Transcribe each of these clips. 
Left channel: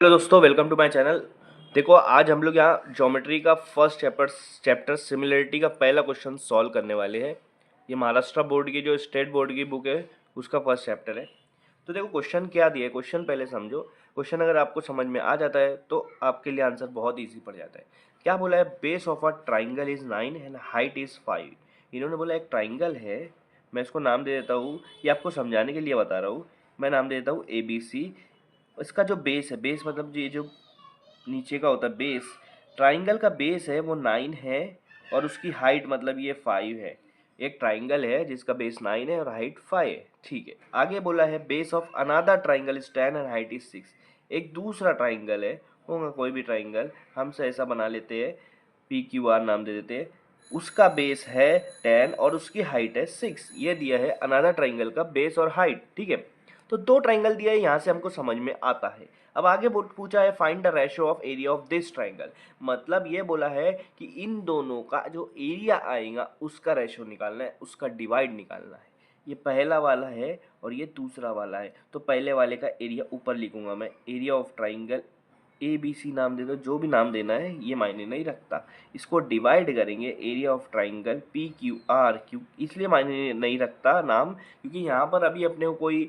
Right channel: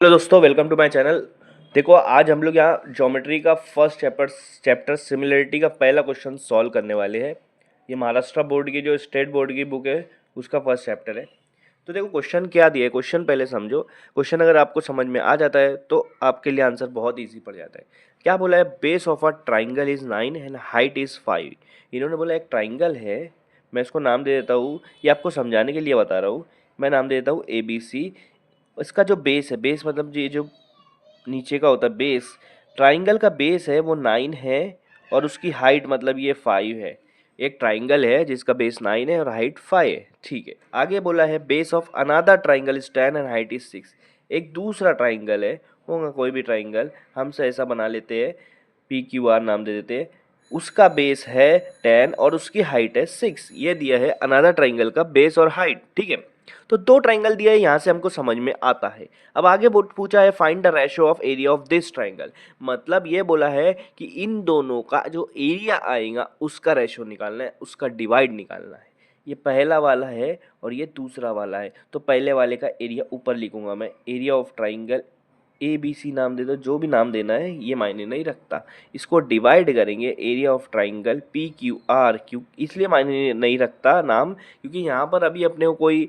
Hello दोस्तों, welcome to my channel. देखो, आज हम लोग यहाँ ज्योमेट्री का फर्स्ट चैप्टर सिमिलरिटी का पहला क्वेश्चन सॉल्व करने वाले हैं। ये महाराष्ट्र बोर्ड की जो स्टेट बोर्ड की बुक है उसका फर्स्ट चैप्टर है। तो देखो क्वेश्चन क्या दिया है, क्वेश्चन पहले समझो। क्वेश्चन अगर आपको समझ में आ जाता है तो आपके लिए आंसर बहुत ईजी पड़ जाता है। क्या बोला है? Base of a triangle is 9 and height is 5। इन्होंने बोला एक ट्राइंगल है, मैं इसको नाम दे देता हूँ, ये आपको समझाने के लिए बता रहा हूँ। मैं नाम दे देता हूँ ABC। इसका जो बेस है, बेस मतलब ये जो नीचे का होता है बेस, ट्राइंगल का बेस है वो 9 है और उसकी हाइट मतलब ये 5 है। एक ट्राइंगल है जिसका बेस 9 है और हाइट 5 है। ठीक है, आगे बोला है base of another triangle is 10 and height is 6। एक दूसरा ट्राइंगल है, होगा कोई भी ट्राइंगल, हम से ऐसा बना लेते हैं, PQR नाम दे देते हैं। उसका बेस है 10 और उसकी हाइट है 6। ये दिया है अनदर ट्राइंगल का बेस और हाइट। ठीक है, तो दो ट्राइंगल दिया है, यहाँ से हमको समझ में आता है। अब आगे पूछा है find the ratio of area of this triangle. मतलब ये बोला है कि इन दोनों का जो एरिया आएगा उसका रेशियो निकालना है, उसका डिवाइड निकालना है। ये पहला वाला है और ये दूसरा वाला है, तो पहले वाले का एरिया ऊपर लिखूंगा मैं, एरिया ऑफ ट्राइंगल ABC नाम दे दो, जो भी नाम देना है ये मायने नहीं रखता। इसको डिवाइड करेंगे एरिया ऑफ ट्राइंगल PQR, इसलिए मायने नहीं रखता नाम, क्योंकि यहाँ पर अभी अपने को कोई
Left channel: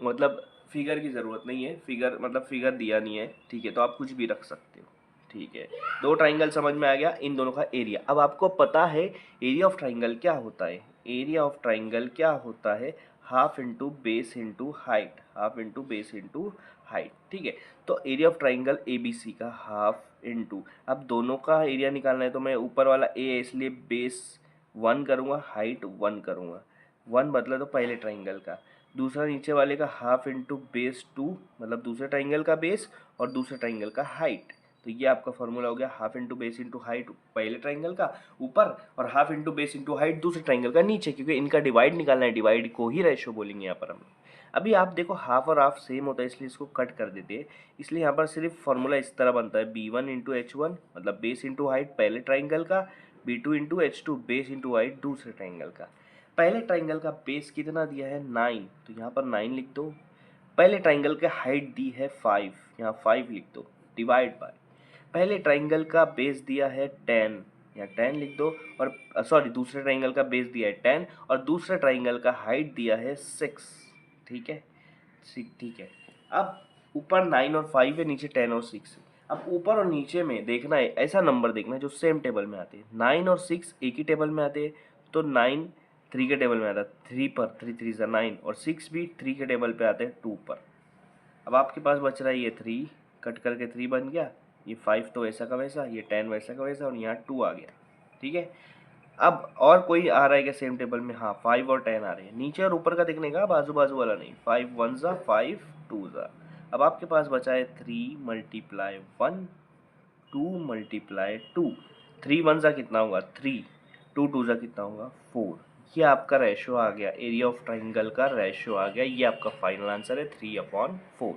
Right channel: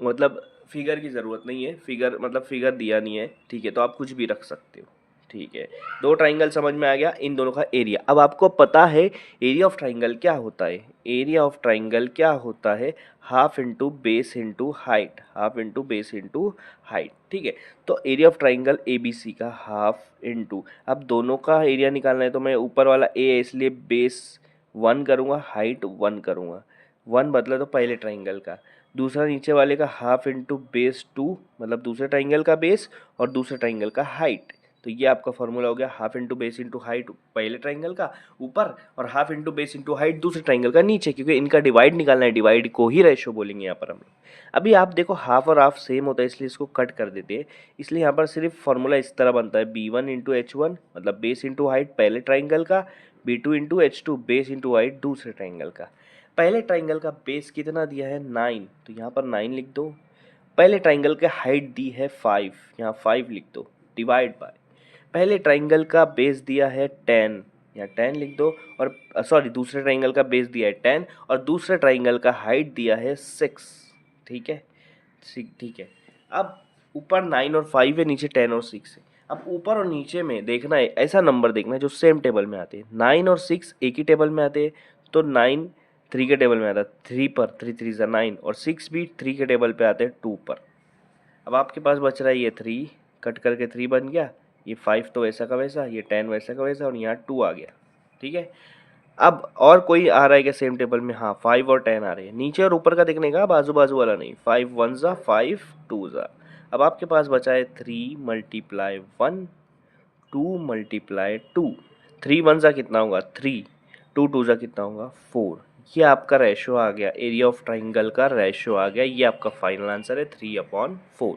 मतलब फिगर की ज़रूरत नहीं है। फिगर मतलब फिगर दिया नहीं है, ठीक है, तो आप कुछ भी रख सकते हो। ठीक है, दो ट्राइंगल समझ में आ गया, इन दोनों का एरिया। अब आपको पता है एरिया ऑफ ट्राइंगल क्या होता है। एरिया ऑफ ट्राइंगल क्या होता है? Half into base into height, half into base into height. ठीक है, तो एरिया ऑफ ट्राइंगल ABC का हाफ इंटू, अब दोनों का एरिया निकालना है तो मैं ऊपर वाला A है इसलिए बेस 1 करूँगा, हाइट 1 करूँगा। 1 बदला तो पहले ट्राइंगल का, दूसरा नीचे वाले का हाफ इंटू बेस 2, मतलब दूसरे ट्राइंगल का बेस और दूसरे ट्राइंगल का हाइट। तो ये आपका फॉर्मूला हो गया, half into base into height पहले ट्राइंगल का ऊपर और half into base into height दूसरे ट्राइंगल का नीचे, क्योंकि इनका डिवाइड निकालना है, डिवाइड को ही रेशो बोलेंगे यहाँ पर हम। अभी आप देखो हाफ और हाफ सेम होता है इसलिए इसको कट कर देते हैं, इसलिए यहाँ पर सिर्फ फॉर्मूला इस तरह बनता है, B1 इंटू H1 मतलब बेस इंटू हाइट पहले ट्राइंगल का, B2 into H2 base into height दूसरे ट्राइंगल का। पहले ट्राइंगल का बेस कितना दिया है? 9, तो यहाँ पर 9 लिख दो। पहले ट्राइंगल का हाइट दी है 5, यहाँ 5 लिख दो, डिवाइड बाय पहले ट्राइंगल का बेस दिया है 10, यहाँ 10 लिख दो। और सॉरी, दूसरे ट्राइंगल का बेस दिया है 10 और दूसरे ट्राइंगल का हाइट दिया है 6। ठीक है, ठीक है। अब ऊपर 9 और 5 है, नीचे 10 और 6 है। अब ऊपर और नीचे में देखना है, ऐसा नंबर देखना है जो सेम टेबल में आते हैं। 9 और 6 एक ही टेबल में आते हैं, तो 9 3 के टेबल में आता है, 3 पर, 3 3 ज़ा 9, और 6 भी 3 के टेबल पे आते हैं 2 पर। अब आपके पास बच रहा है ये 3, कट करके 3 बन गया, ये 5 तो वैसा का वैसा, ये 10 वैसा का वैसा, और यहाँ 2 आ गया। ठीक है, अब और कोई आ रहा है क्या सेम टेबल में? हाँ, 5 और 10 आ रहे हैं। नीचे और ऊपर का देखने का, बाजू बाजू वाला नहीं। 5 1 ज़ा 5, 2 ज़ा। अब आपके पास बचा है 3 मल्टीप्लाई 1, 2 मल्टीप्लाई 2। 3 1 ज़ा कितना होगा? 3, 2 2 ज़ा कितना होगा? 4। ये आपका रेशो आ गया, एरिया ऑफ ट्राइंगल का रेशो आ गया। ये आपका फाइनल आंसर है 3/4।